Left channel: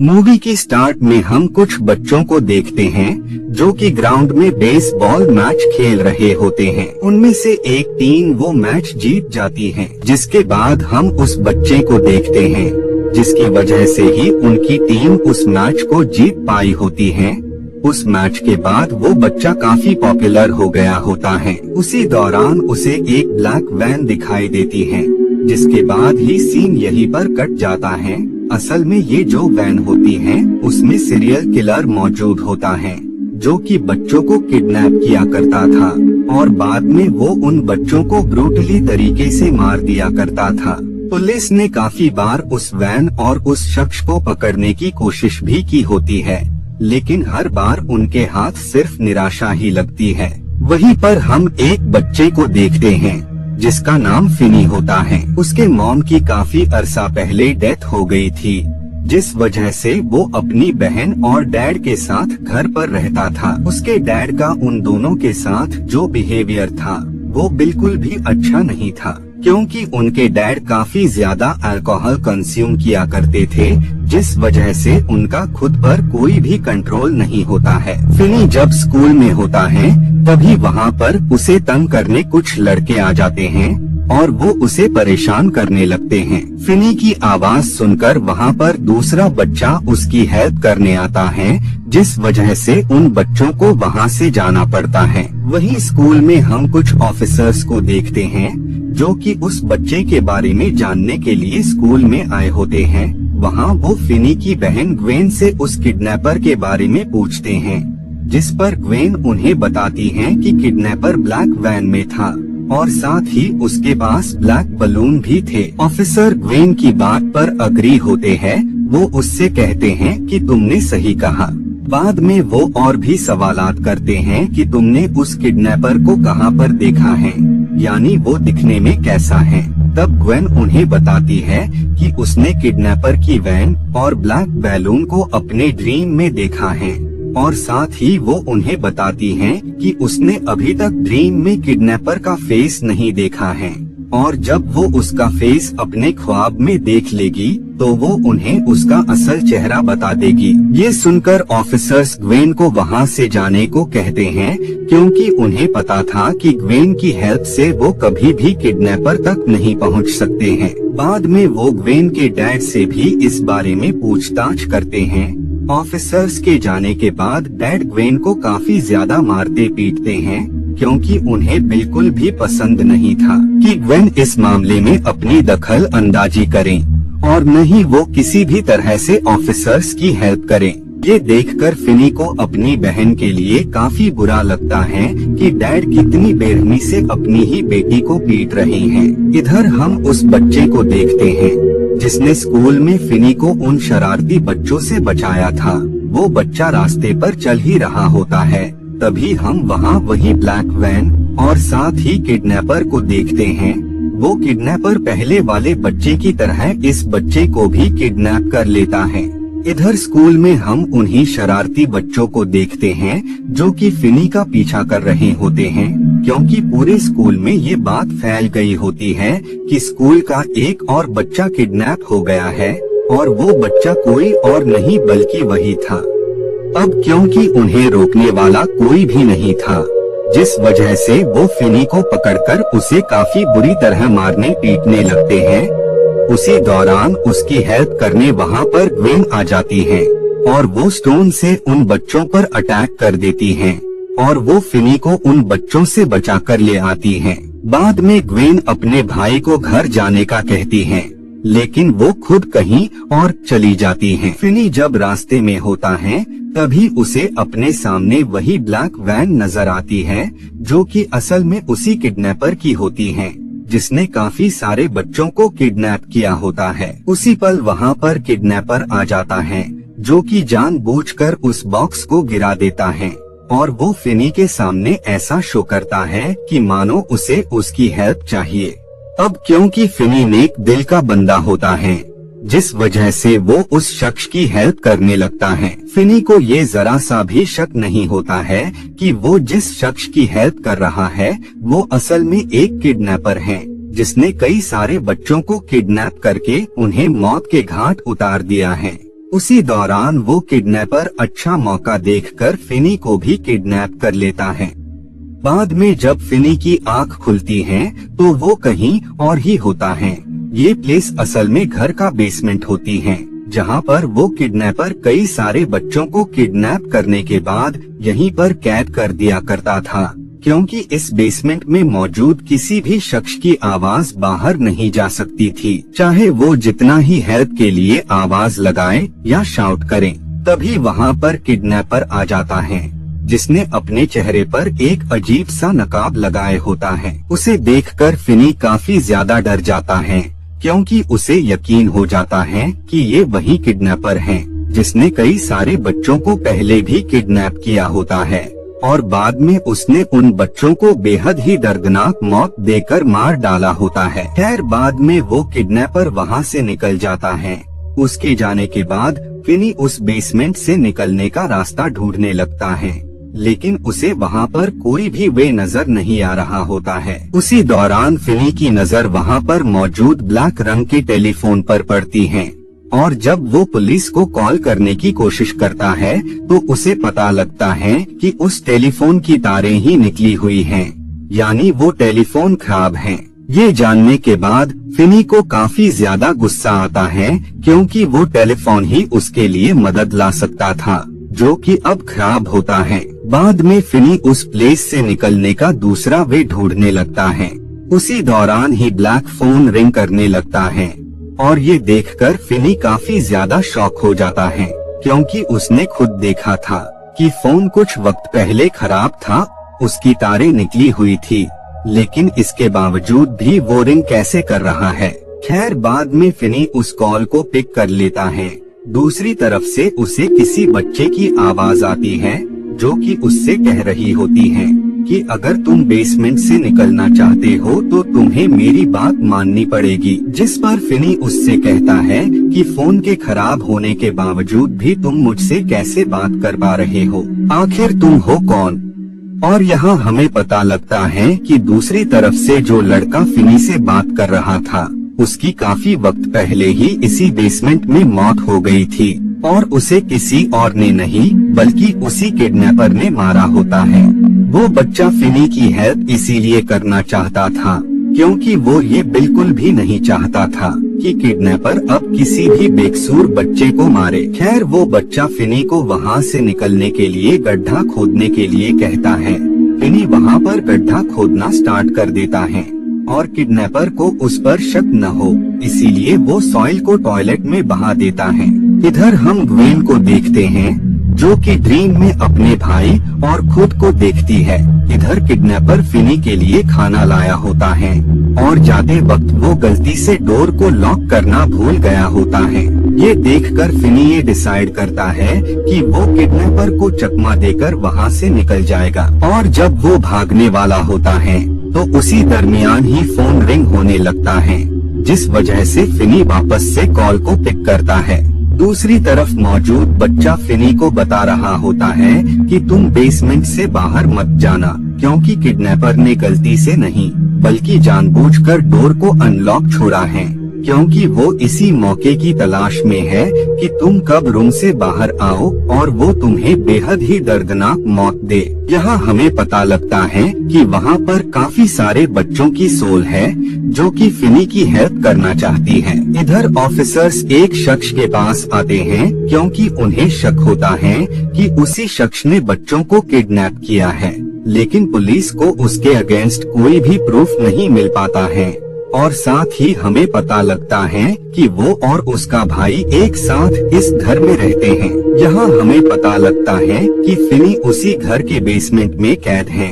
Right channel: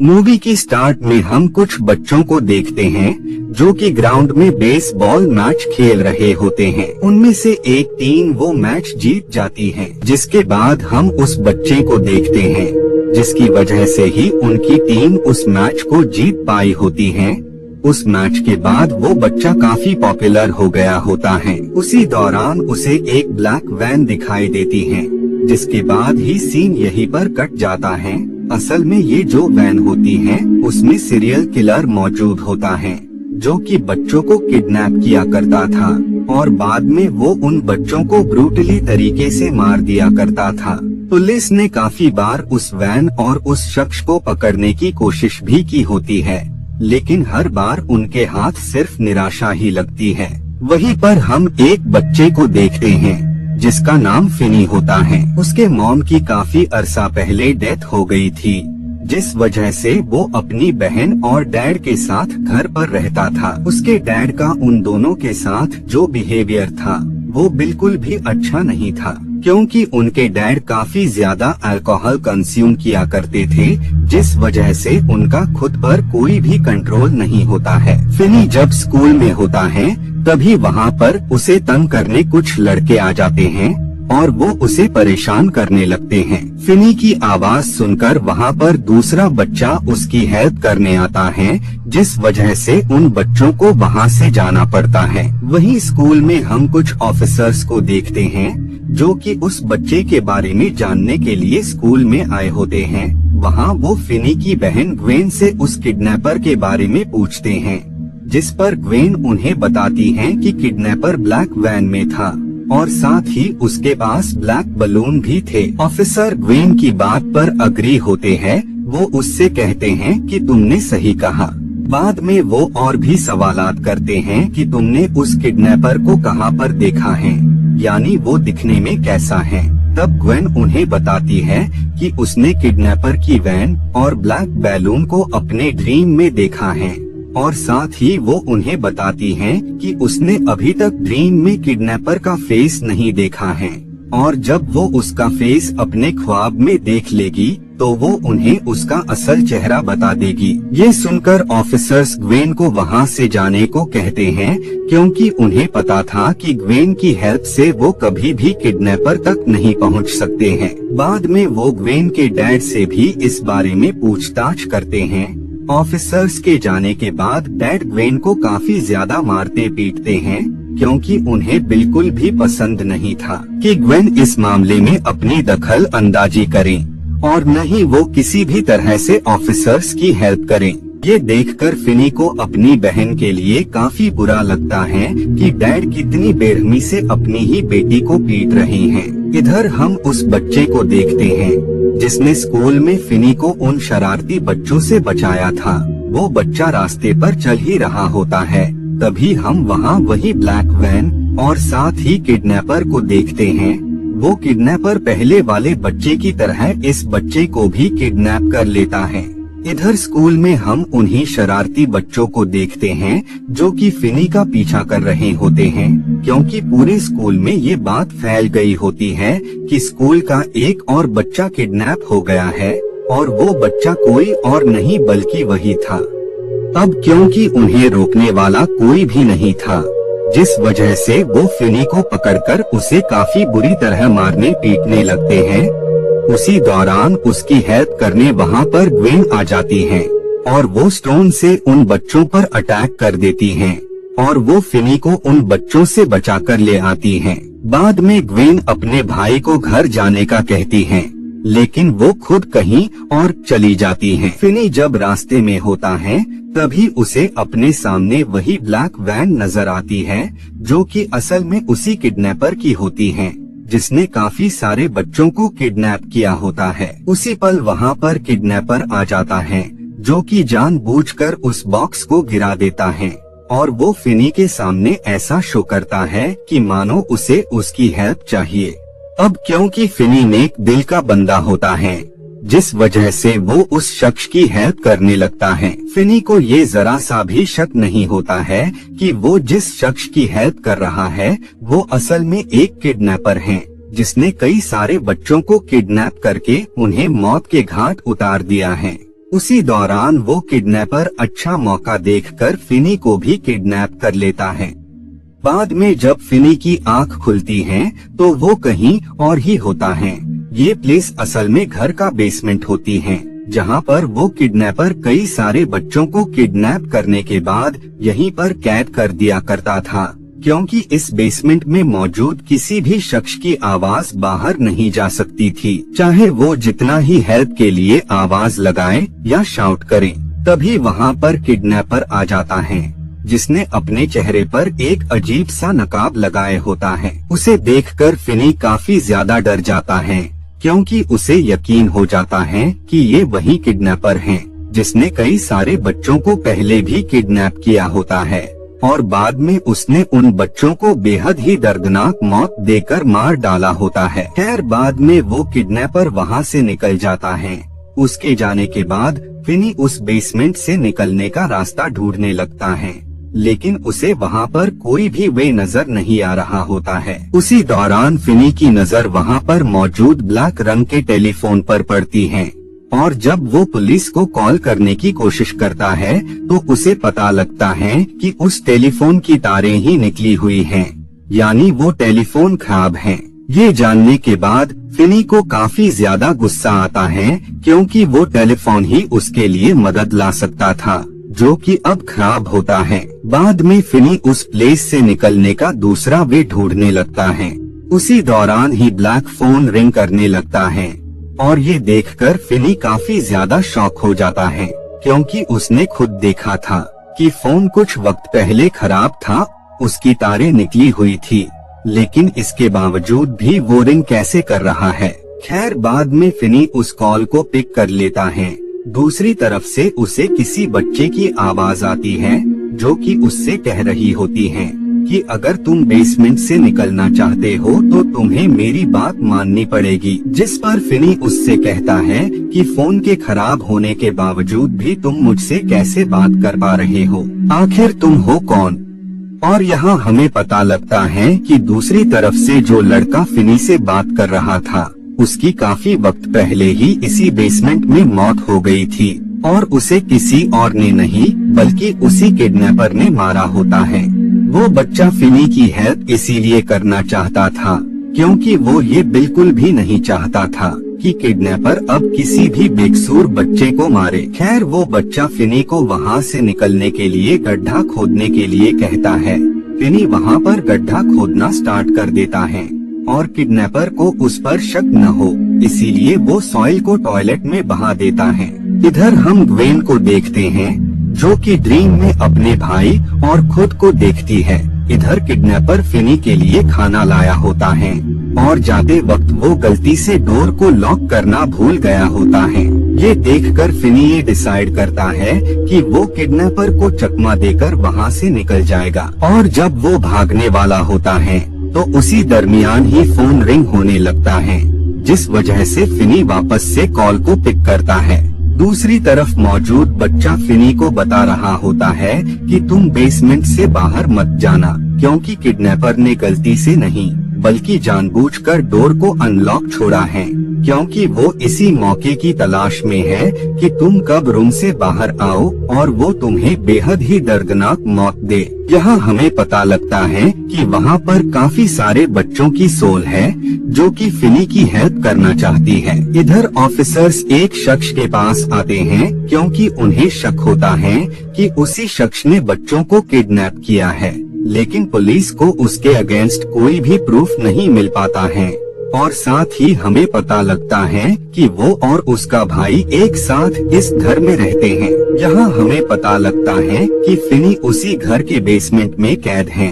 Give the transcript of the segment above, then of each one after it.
Movie के start में हम कुछ बच्चों को देखते हैं जो कि ग्राउंड में बेसबॉल मैच खेल रहे होते हैं। उनमें से एक टीम वो मैच जीत जाती है, जिसके बाद हम उस बच्चे को देखते हैं जिसकी वजह से ही उनकी टीम उस मैच को जीत पाई होती है। उस मैच के बाद वो बच्चा काफी पॉपुलर हो गया होता है। उसी दौरान उसे एक ब्लैक वैन दिखाई देती है, जिसके बाद ही सीन यहीं पर कट जाता है। असल में ये जो वैन होती है उसमें सीरियल किलर मौजूद होता है जो कि बच्चों को किडनैप किया करता था और बाद में वो उन बच्चों को ब्रूटली तरीके से मार दिया करता था। पुलिस ने काफी बार उस वैन और उस शख्स को पकड़ने की कोशिश भी की होती है, लेकिन हर बार उनके हाथ सिर्फ निराशा ही लगती है। वहीं पर हम एक बच्चे को देखते हैं जिसका नाम फिनी होता है। उसके मॉम की काफी अरसा पहले डेथ हो गई थी, जिस वजह से वो अपनी बहन और डैड के साथ घर पर रहता था। उसके डैड का उन दोनों के साथ जो बिहेवियर था वो बिल्कुल भी अच्छा नहीं था, क्योंकि उनके डैड काफी ज्यादा अल्कोहल कंज्यूम किया करते थे, जिस वजह से उनका खुद पर कोई भी कंट्रोल नहीं होता है। फिनी जब स्कूल में होता है तभी वहाँ पर उसे तंग करने कुछ लड़के आ जाते हैं और वो उसे परेशान करने लगते हैं। फिनी की आवाज सुनकर वहाँ पर दूसरा बच्चा उसकी हेल्प करने आता है, जिस वजह से उन बच्चों को वहाँ से जाना पड़ता है। वहीं स्कूल में हम कुछ ऑफिसर्स को देखते हैं जो कि उस बच्चे के बारे में जानने के लिए स्कूल में आए होते हैं। वहाँ वो फिनी की बहन ग्वेन से उस किडनैपर के बारे में पूछते हैं, जिस पर ग्वेन उन्हें बताती है कि किडनैपर ब्लैक वैन में था और साथ ही उसके पास ब्लैक बलून भी थे। ऑफिसर ग्वेन की बात पर अग्री होते हैं। वो उससे कहते हैं कि तुमने सही कहा। बाद में वो और भी सवालात करते हैं कि तुमने उस किडनैपर को कहाँ पर देखा है, यानी वो दिखने में कैसा है। तब ग्वेन उन्हें बताती है कि उसने किडनैपर की वैन और ब्लैक बैलून को अपने ड्रीम में देखा है और साथ ही वो उन्हें बताती हैं कि उसने अभी तक ड्रीम में किडनैपर का फेस नहीं देखा है और जब वो उसका फेस अपने ख्वाब में देख लेगी तो वो उन्हें उसका असल चेहरा बता देगी। ये सुनकर ऑफिसर्स ग्वेन को वहाँ से जाने को कहते हैं, क्योंकि उन्हें पता था कि ग्वेन की हेल्प से वो कभी भी किडनैपर तक नहीं पहुँच सकते हैं। बाद में वो ग्वेन के डैड से भी इस बारे में पूछताछ करते हैं। ऑफिसर्स के जाने के बाद डैड ग्वेन को काफी ज्यादा मारते पीटते हैं, क्योंकि उन्हें बिल्कुल भी पसंद नहीं था कि ग्वेन इस मामले में अपनी दखल अंदाजी करें और न ही वो किसी भी तरह से ऑफिसर्स की हेल्प करें। ये देखकर फिनी को अपनी बहन के लिए काफी बुरा लगता है कि डैड कितनी बेरहमी से अपनी ही बेटी को पीट रहे हैं। इधर हम उस बच्चे को देखते हैं जिसने स्कूल में फिनी को उन शरारती बच्चों से बचाया था। वो बच्चा रास्ते पर चल ही रहा होता है, तभी हम वहाँ वही ब्लैक वैन और साथ ही किडनैपर को देखते हैं। वो किडनैपर पहले वाले बच्चे की तरह इस बच्चे को भी किडनैप कर लेता है। इधर स्कूल में हम उन्हीं शरारती बच्चों को देखते हैं जो कि फिनी का पीछा कर रहे होते हैं, क्योंकि पूरे स्कूल में ये बात फैल गई होती है कि स्कूल का एक और बच्चा किडनैप हो गया है और वो बच्चा कोई और नहीं बल्कि वही था। अब क्योंकि उन्हें रोकने वाला कोई भी नहीं था, जिस वजह से वो फिनी को पकड़कर उसे काफी बुरी तरह मारने पीटने लगते हैं। उसी दौरान उसकी हेल्प करने वहाँ पर ग्वेन आ जाती है और वो स्टोन से उन बच्चों पर अटैक कर देती हैं और वो फिनी को उन बच्चों से बचाकर ले आती है। बाद में ग्वेन अपने भाई को घर जाने का कहती है, लेकिन वो खुद कहीं और चली जाती है। फिनी जब रास्ते में होता है तभी उसे अपने सामने वही ब्लैक वैन नजर आती है जो कि असल में उसी किडनैपर की होती है जिसने काफी सारे बच्चों को किडनैप किया होता है। उसी पल वहाँ पर किडनैपर आ जाता है जो कि जानबूझकर उस बॉक्स को गिरा देता है और वो फिनी के सामने ऐसा शो करता है कि मानो उसे उसकी हेल्प चाहिए। अब क्योंकि फिनी नेक दिल का बंदा होता है, जिस वजह से वो उस शख्स की हेल्प करने लगता है। फिनी को ये जरा सा भी शक नहीं होता है कि वो जिस शख्स की हेल्प कर रहा है वो असल में एक किडनैपर है, जिसने कई सारे बच्चों को किडनैप करके उन्हें मौत के घाट उतार दिया है। उसी दौरान वो किडनैपर अच्छा मौका देखकर फिनी को भी किडनैप कर लेता है। बाद में जब फिनी की आंख खुलती है तो वो कहीं और ही होता है। ये प्लेस असल में घर का बेसमेंट होती है, जहाँ पर वो किडनैपर कई सारे बच्चों को किडनैप करने के बाद यहीं पर कैद कर दिया करता था, क्योंकि इस बेसमेंट में मौजूद किसी भी शख्स की आवाज बाहर नहीं जा सकती थी, चाहे वो जितना ही हेल्प के लिए आवाज लगाए या शाउट करे। तभी वहाँ पर किडनैपर आ जाता है, जिसने अपने चेहरे पर एक अजीब सा नकाब लगाए होता है। उसे देखकर फिनी काफी ज्यादा डर जाता है, क्योंकि उसे यकीन हो जाता है कि ये वही किडनैपर है जिसने कई सारे बच्चों को पहले भी किडनैप किया होता है और बाद में उसने उन बच्चों को बेहद ही दर्दनाक मौत देकर मार डाला होता है। खैर बाद में वो किडनैपर वहाँ से निकल जाता है। उसके जाने के बाद फिनी उस बेसमेंट से निकलने का रास्ता ढूंढने लगता है, लेकिन उसे वहाँ पर कोई भी वे नजर नहीं आ रहा होता है। उसी दौरान फिनी की नजर वहाँ पर मौजूद ब्लैक रंग के टेलीफोन पर पड़ती है और जब वो पुलिस को कॉल करने की कोशिश करता है तो उसे पता लगता है कि उस टेलीफोन की तारें ही निकली हुई हैं, यानी वो टेलीफोन खराब है। ये जानने के बाद फिनी को काफी ज्यादा गुस्सा आता है, क्योंकि वो टेलीफोन ही उसके लिए मदद ला सकता था, जो कि अब खराब होता है। बाद में फिनी उस प्लेस से निकलने का दूसरा वे ढूंढने लगता है। उसी दौरान ही ब्लैक फोन रिंग करने लगता है और ये देखकर फिनी काफी ज्यादा शॉक हो जाता है, क्योंकि उसने खुद देखा था कि फोन कुछ वक्त पहले खराब था, उसकी तारें निकली हुई थी, लेकिन इसके बावजूद भी वो रिंग कैसे कर रहा है। खैर बाद में फिनी उस कॉल को पिक कर लेता है। दूसरी तरफ से उसे किसी बच्चे की आवाज आती है, जो कि उससे कह रही होती है कि अगर तुम बेसमेंट से निकलना चाहते हो तो तुम्हें मेरी बात माननी पड़ेगी। जिस पर फिनी उससे कहता है कि फोन के खराब होने के बावजूद भी तुम मुझसे कैसे बात कर पा रहे हो, आखिर तुम हो कौन। और यहाँ हमें पता लगता है कि दूसरी तरफ से जो लड़का फिनी से बात कर रहा था, उसकी काफी वक्त पहले ही इसी बेसमेंट में मौत हो गई थी और उसे किसी और ने नहीं बल्कि उसी किडनैपर ने मारा होता है। वो बच्चा फिनी की हेल्प इसीलिए करना चाहता था क्योंकि वो ये बिल्कुल भी नहीं चाहता था कि किडनैपर अब किसी भी बेकसूर बच्चे को मारे। खैर वो बच्चा फिनी को वहाँ से निकलने के लिए गड्ढा खोदने के लिए कहता है। फिनी वहाँ पर गड्ढा खोदना स्टार्ट कर देता है और किडनैपर को उस पर शक न हो, इसीलिए वो सॉइल को टॉयलेट में बहा देता है। इधर हम ग्वेन को देखते हैं, जो कि ड्रीम में अपने भाई और खुद को देखती है। इधर किडनैपर फिनी के लिए खाना लाया होता है और जाते वक्त वो गलती से डोर को लॉक करना भूल गया होता है। ये देखकर फिनी ये डिसाइड करता है कि वो किडनैपर को चकमा देकर वहाँ से निकल जाएगा और जब वो भागने वाला होता है तो उसी दरमियान ही फोन रिंग होने लगता है, जिस वजह से फिनी वापस से कॉल को पिक करता है। दूसरी तरफ मौजूद बच्चा फिनी को बता रहा होता है कि तुम बेसमेंट से बाहर मत जाना, क्योंकि किडनैपर ने गलती से नहीं बल्कि जानबूझकर डोर को अनलॉक छोड़ा है, क्योंकि वो इसी मौके की तलाश में है कि तुम कब रूम से बाहर आओ और वो तुम्हें बेहद ही दर्दनाक मौत दे। यहाँ हमें पता लगता है कि वहाँ पर काफी सारे बच्चों की सोल है जो कि फिनी की हेल्प करना चाहती है। इधर ऑफिसर्स एक शख्स के पास आते हैं क्योंकि उन्हें शक होता है कि उसी शख्स ने बच्चों को किडनैप किया है, लेकिन पुलिस को उसके अगेंस्ट कोई भी प्रूफ नहीं मिल पाता है और साथ ही हमें पता लगता है कि वो और उसका भाई एक साथ इस घर में रहते हैं। यहाँ हमें पता लगता है कि फिनी उसी घर के बेसमेंट में कैद है।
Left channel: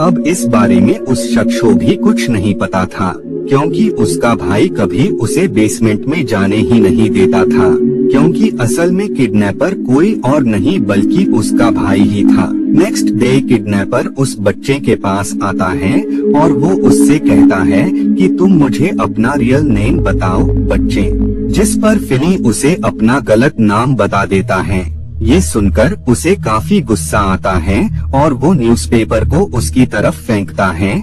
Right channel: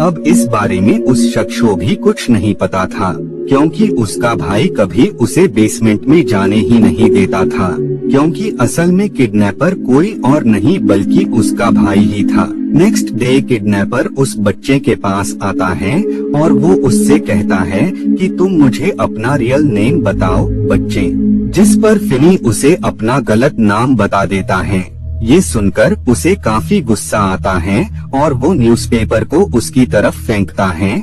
अब इस बारे में उस शख्स को भी कुछ नहीं पता था, क्योंकि उसका भाई कभी उसे बेसमेंट में जाने ही नहीं देता था, क्योंकि असल में किडनैपर कोई और नहीं बल्कि उसका भाई ही था। नेक्स्ट डे किडनैपर उस बच्चे के पास आता है और वो उससे कहता है कि तुम मुझे अपना रियल नेम बताओ बच्चे, जिस पर फिनी उसे अपना गलत नाम बता देता है। ये सुनकर उसे काफी गुस्सा आता है और वो न्यूज़पेपर को उसकी तरफ फेंकता है।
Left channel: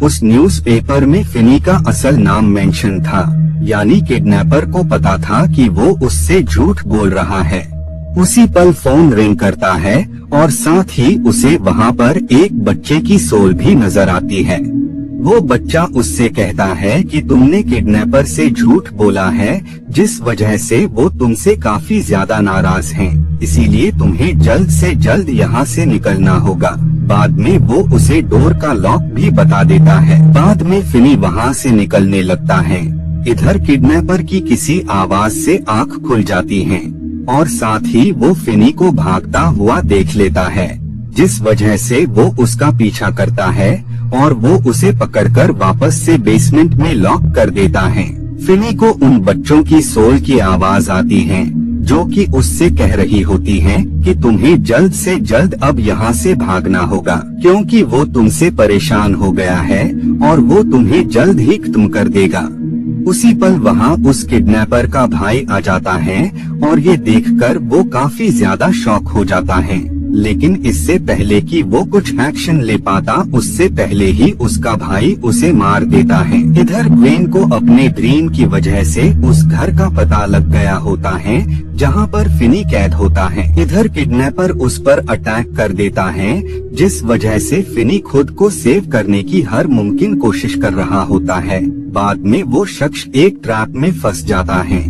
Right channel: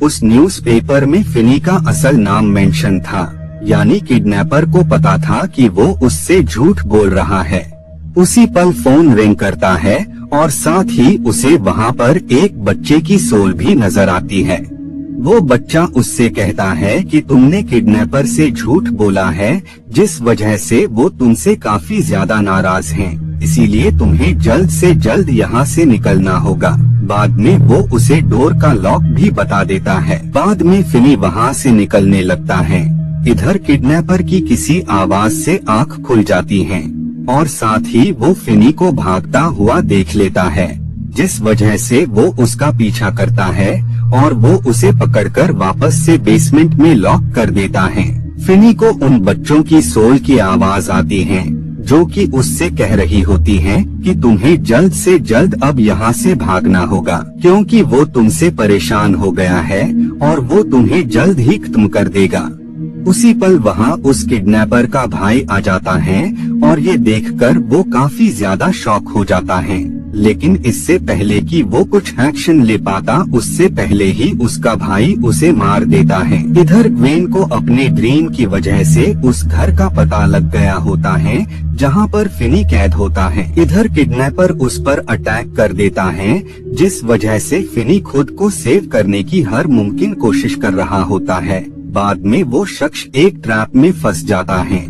उस न्यूज़पेपर में फिनी का असल नाम मेंशन था, यानी किडनैपर को पता था कि वो उससे झूठ बोल रहा है। उसी पल फोन रिंग करता है और साथ ही उसे वहाँ पर एक बच्चे की सोल भी नजर आती है। वो बच्चा उससे कहता है कि तुमने किडनैपर से झूठ बोला है, जिस वजह से वो तुमसे काफी ज्यादा नाराज हैं। इसीलिए तुम्हें जल्द से जल्द यहाँ से निकलना होगा। बाद में वो उसे डोर का लॉक भी बता देता है। बाद में फिनी वहाँ से निकलने लगता है। इधर किडनैपर की किसी आवाज से आँख खुल जाती है और साथ ही वो फिनी को भागता हुआ देख लेता है, जिस वजह से वो उसका पीछा करता है और वो उसे पकड़कर वापस से बेसमेंट में लॉक कर देता है। फिनी को उन बच्चों की सोल की आवाज आती है, जो कि उससे कह रही होती है कि तुम्हें जल्द से जल्द अब यहाँ से भागना होगा, क्योंकि वो तुमसे परेशान हो गया है और वो तुम्हें जल्द ही खत्म कर देगा। उसी पल वहाँ उस किडनैपर का भाई आ जाता है और ये देखकर वो काफी ज्यादा शॉक हो जाता है। लेकिन इससे पहले कि वो कुछ एक्शन ले पाता, उससे पहले ही उसका भाई उसे मार देता है। इधर ग्वेन को अपने ड्रीम की वजह से उस घर का पता लग गया होता है जहाँ पर फिनी कैद होता है। इधर किडनैपर उस पर अटैक कर देता है, जिस वजह से फिनी खुद को सेव करने की हर मुमकिन कोशिश कर रहा होता है। बाद में वो शख्स एक ट्रैप में फंस जाता है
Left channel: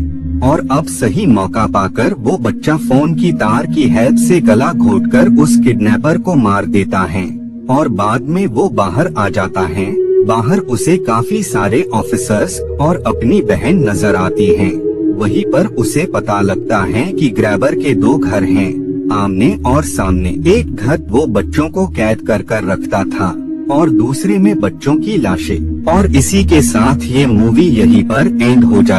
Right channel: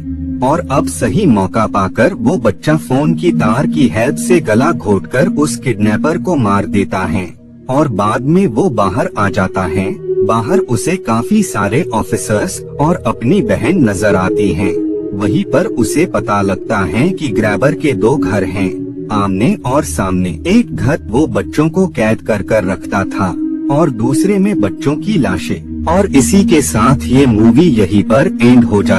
और अब सही मौका पाकर वो बच्चा फोन की तार की हेल्प से गला घोटकर उस किडनैपर को मार देता है और बाद में वो बाहर आ जाता है। बाहर उसे काफी सारे ऑफिसर्स और अपनी बहन नजर आती हैं। वहीं पर उसे पता लगता है कि ग्रैबर के दो घर हैं, आमने और सामने। एक घर वो बच्चों को कैद कर रखता था और दूसरे में बच्चों की लाशें। और इसी के साथ ये मूवी यहीं पर एंड हो जाती है।